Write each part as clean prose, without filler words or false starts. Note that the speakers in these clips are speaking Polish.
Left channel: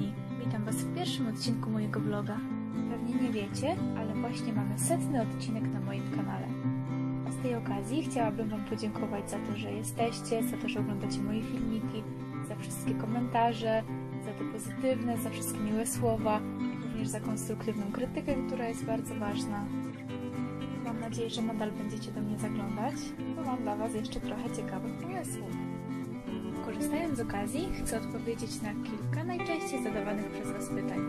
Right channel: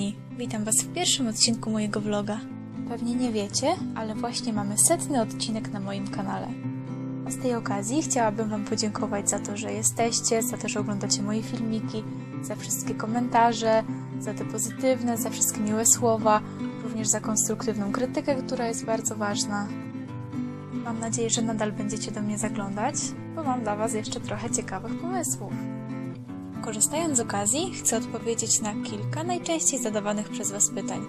kochani, witam Was w pierwszym odcinku mojego vloga. Pewnie nie wiecie, ale właśnie mamy 100. odcinek na moim kanale. A z tej okazji chciałabym Wam podziękować za to, że jesteście, za to, że oglądacie moje filmiki, za wszystkie komentarze, za te pozytywne, za wszystkie miłe słowa, również za konstruktywną krytykę, która jest bardzo ważna. Mam nadzieję, że nadal będziecie do mnie zaglądać, bo mam dla Was jeszcze trochę ciekawych pomysłów. Korzystając z okazji, chcę odpowiedzieć na kilka najczęściej zadawanych przez Was pytań.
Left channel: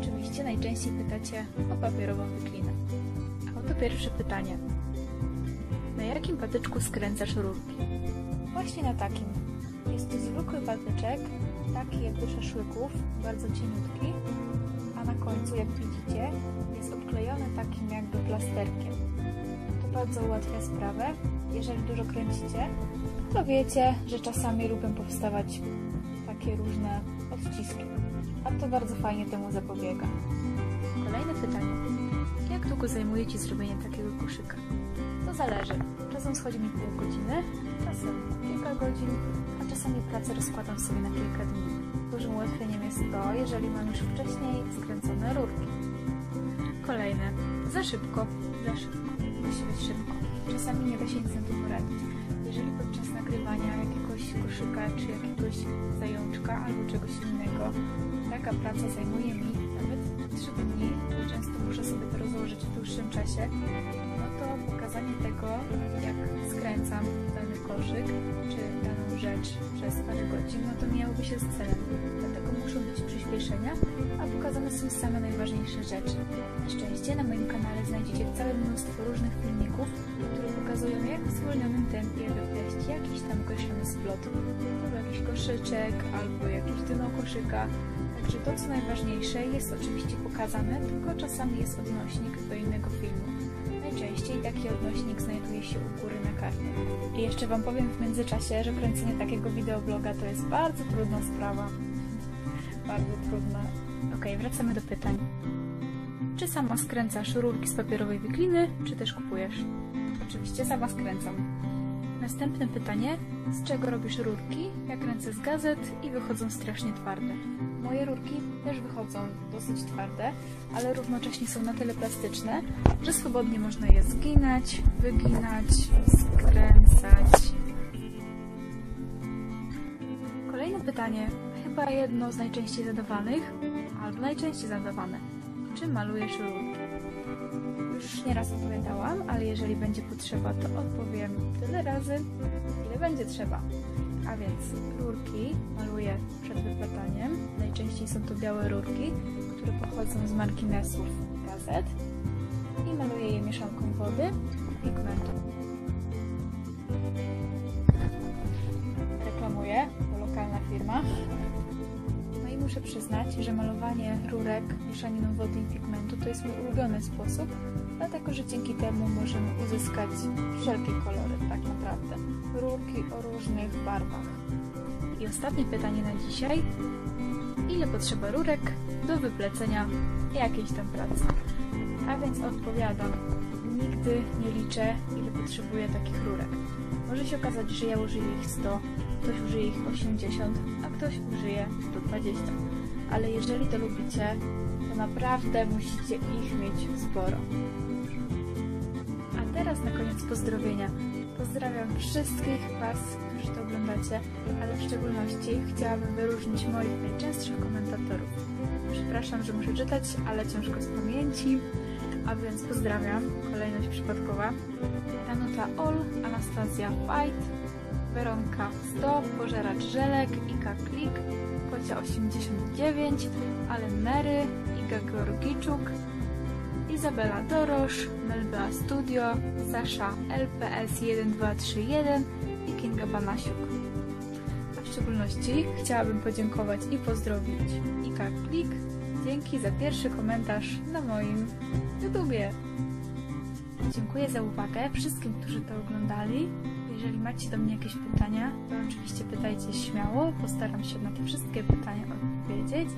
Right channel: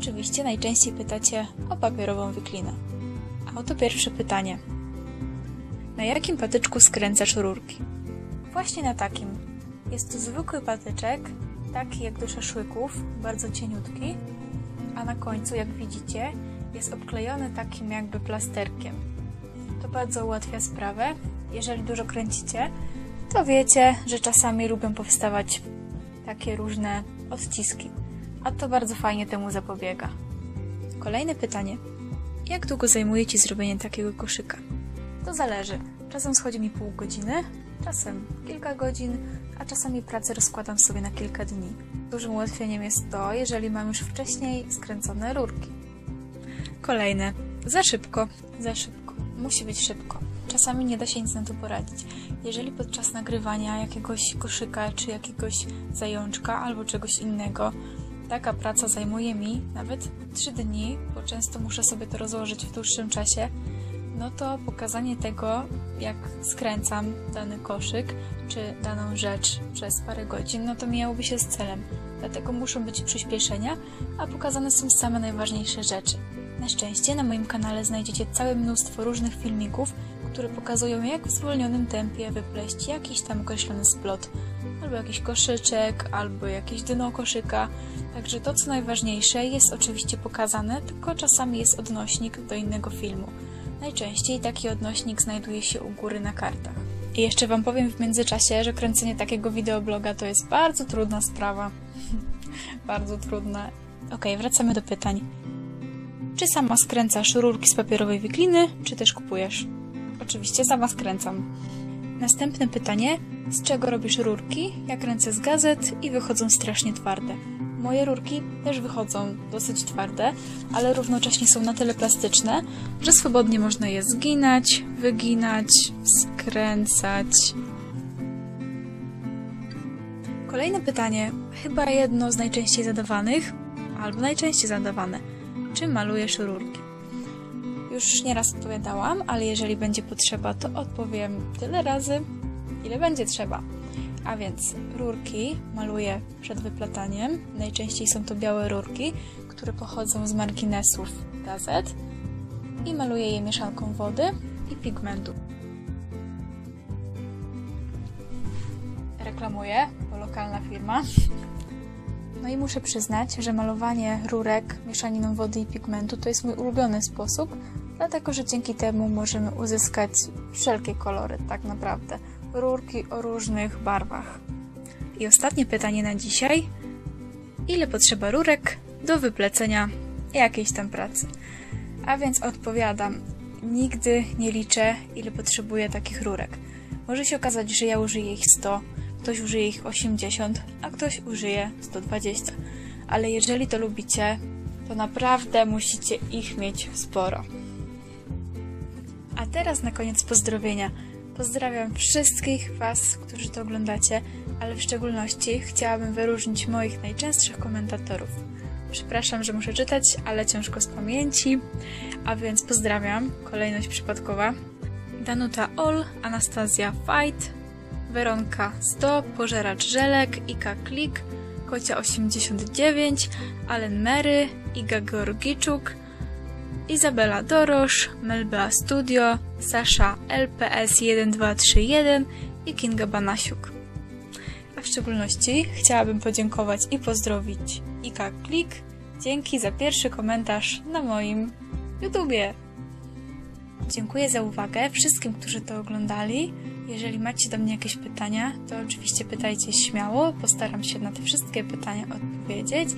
Oczywiście najczęściej pytacie o papierową wiklinę. A oto pierwsze pytanie. Na jakim patyczku skręcasz rurki? Właśnie na takim. Jest to zwykły patyczek, taki jak do szaszłyków, bardzo cieniutki, a na końcu, jak widzicie, jest obklejony takim jakby plasterkiem. To bardzo ułatwia sprawę. Jeżeli dużo kręcicie, to wiecie, że czasami lubią powstawać takie różne odciski, a to bardzo fajnie temu zapobiega. Kolejne pytanie. Jak długo zajmuje Ci zrobienie takiego koszyka? To zależy. Czasem schodzi mi pół godziny, czasem kilka godzin, a czasami pracę rozkładam sobie na kilka dni. Dużym ułatwieniem jest to, jeżeli mam już wcześniej skręcone rurki. Kolejne. Za szybko. Za szybko. Musi być szybko. Czasami nie da się nic na to poradzić. Jeżeli podczas nagrywania jakiegoś koszyka, czy jakiegoś zajączka, albo czegoś innego, taka praca zajmuje mi nawet 3 dni, bo często muszę sobie to rozłożyć w dłuższym czasie, no to pokazanie tego, jak skręcam dany koszyk, czy daną rzecz przez parę godzin, no to mijałoby się z celem. Dlatego muszą być przyspieszenia, a pokazane są same najważniejsze rzeczy. Na szczęście na moim kanale znajdziecie całe mnóstwo różnych filmików, które pokazują, jak w zwolnionym tempie wypleść jakiś tam określony splot, albo jakiś koszyczek, albo jakieś dno koszyka. Także to, co najważniejsze, jest oczywiście pokazane, tylko czasami jest odnośnik do innego filmu. Najczęściej taki odnośnik znajduje się u góry na kartach. I jeszcze Wam powiem w międzyczasie, że kręcenie takiego wideobloga to jest bardzo trudna sprawa. Bardzo trudna. Okej, wracamy do pytań. Czy sama skręcasz rurki z papierowej wikliny, czy też kupujesz? Oczywiście sama skręcam. Następne pytanie. Z czego robisz rurki? Ja kręcę z gazet i wychodzą strasznie twarde. Moje rurki też wychodzą dosyć twarde, ale równocześnie są na tyle plastyczne, że swobodnie można je zginać, wyginać, skręcać. Kolejne pytanie, chyba jedno z najczęściej zadawanych, albo najczęściej zadawane. Czy malujesz rurki? Już nieraz odpowiadałam, ale jeżeli będzie potrzeba, to odpowiem tyle razy, ile będzie trzeba. A więc rurki maluję przed wyplataniem. Najczęściej są to białe rurki, które pochodzą z marginesów gazet i maluję je mieszanką wody i pigmentu. Reklamuję, bo lokalna firma. No i muszę przyznać, że malowanie rurek mieszaniną wody i pigmentu to jest mój ulubiony sposób, dlatego że dzięki temu możemy uzyskać wszelkie kolory, tak naprawdę. Rurki o różnych barwach. I ostatnie pytanie na dzisiaj. Ile potrzeba rurek do wyplecenia jakiejś tam pracy? A więc odpowiadam. Nigdy nie liczę, ile potrzebuję takich rurek. Może się okazać, że ja użyję ich 100, ktoś użyje ich 80, a ktoś użyje 120. Ale jeżeli to lubicie, to naprawdę musicie ich mieć sporo. A teraz na koniec pozdrowienia. Pozdrawiam wszystkich Was, którzy to oglądacie, ale w szczególności chciałabym wyróżnić moich najczęstszych komentatorów. Przepraszam, że muszę czytać, ale ciężko z pamięci, a więc pozdrawiam, kolejność przypadkowa. Danuta Ol, Anastazja Fight, Weronka 100, Pożeracz Żelek, Ika Klik, Kocia 89, Alen Mary, Iga Georgiczuk, Izabela Dorosz, Melba Studio, Sasza LPS 1231 i Kinga Banasiuk. A w szczególności chciałabym podziękować i pozdrowić Ika Klik. Dzięki za pierwszy komentarz na moim YouTubie. Dziękuję za uwagę wszystkim, którzy to oglądali. Jeżeli macie do mnie jakieś pytania, to oczywiście pytajcie śmiało. Postaram się na te wszystkie pytania odpowiedzieć.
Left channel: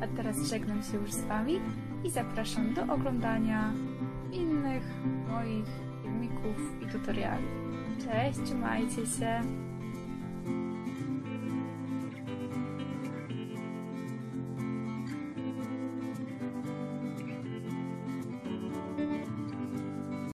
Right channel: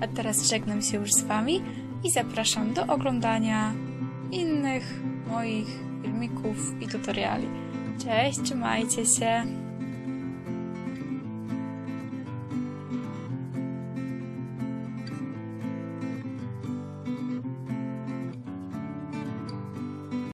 A teraz żegnam się już z Wami i zapraszam do oglądania innych moich filmików i tutoriali. Cześć, trzymajcie się!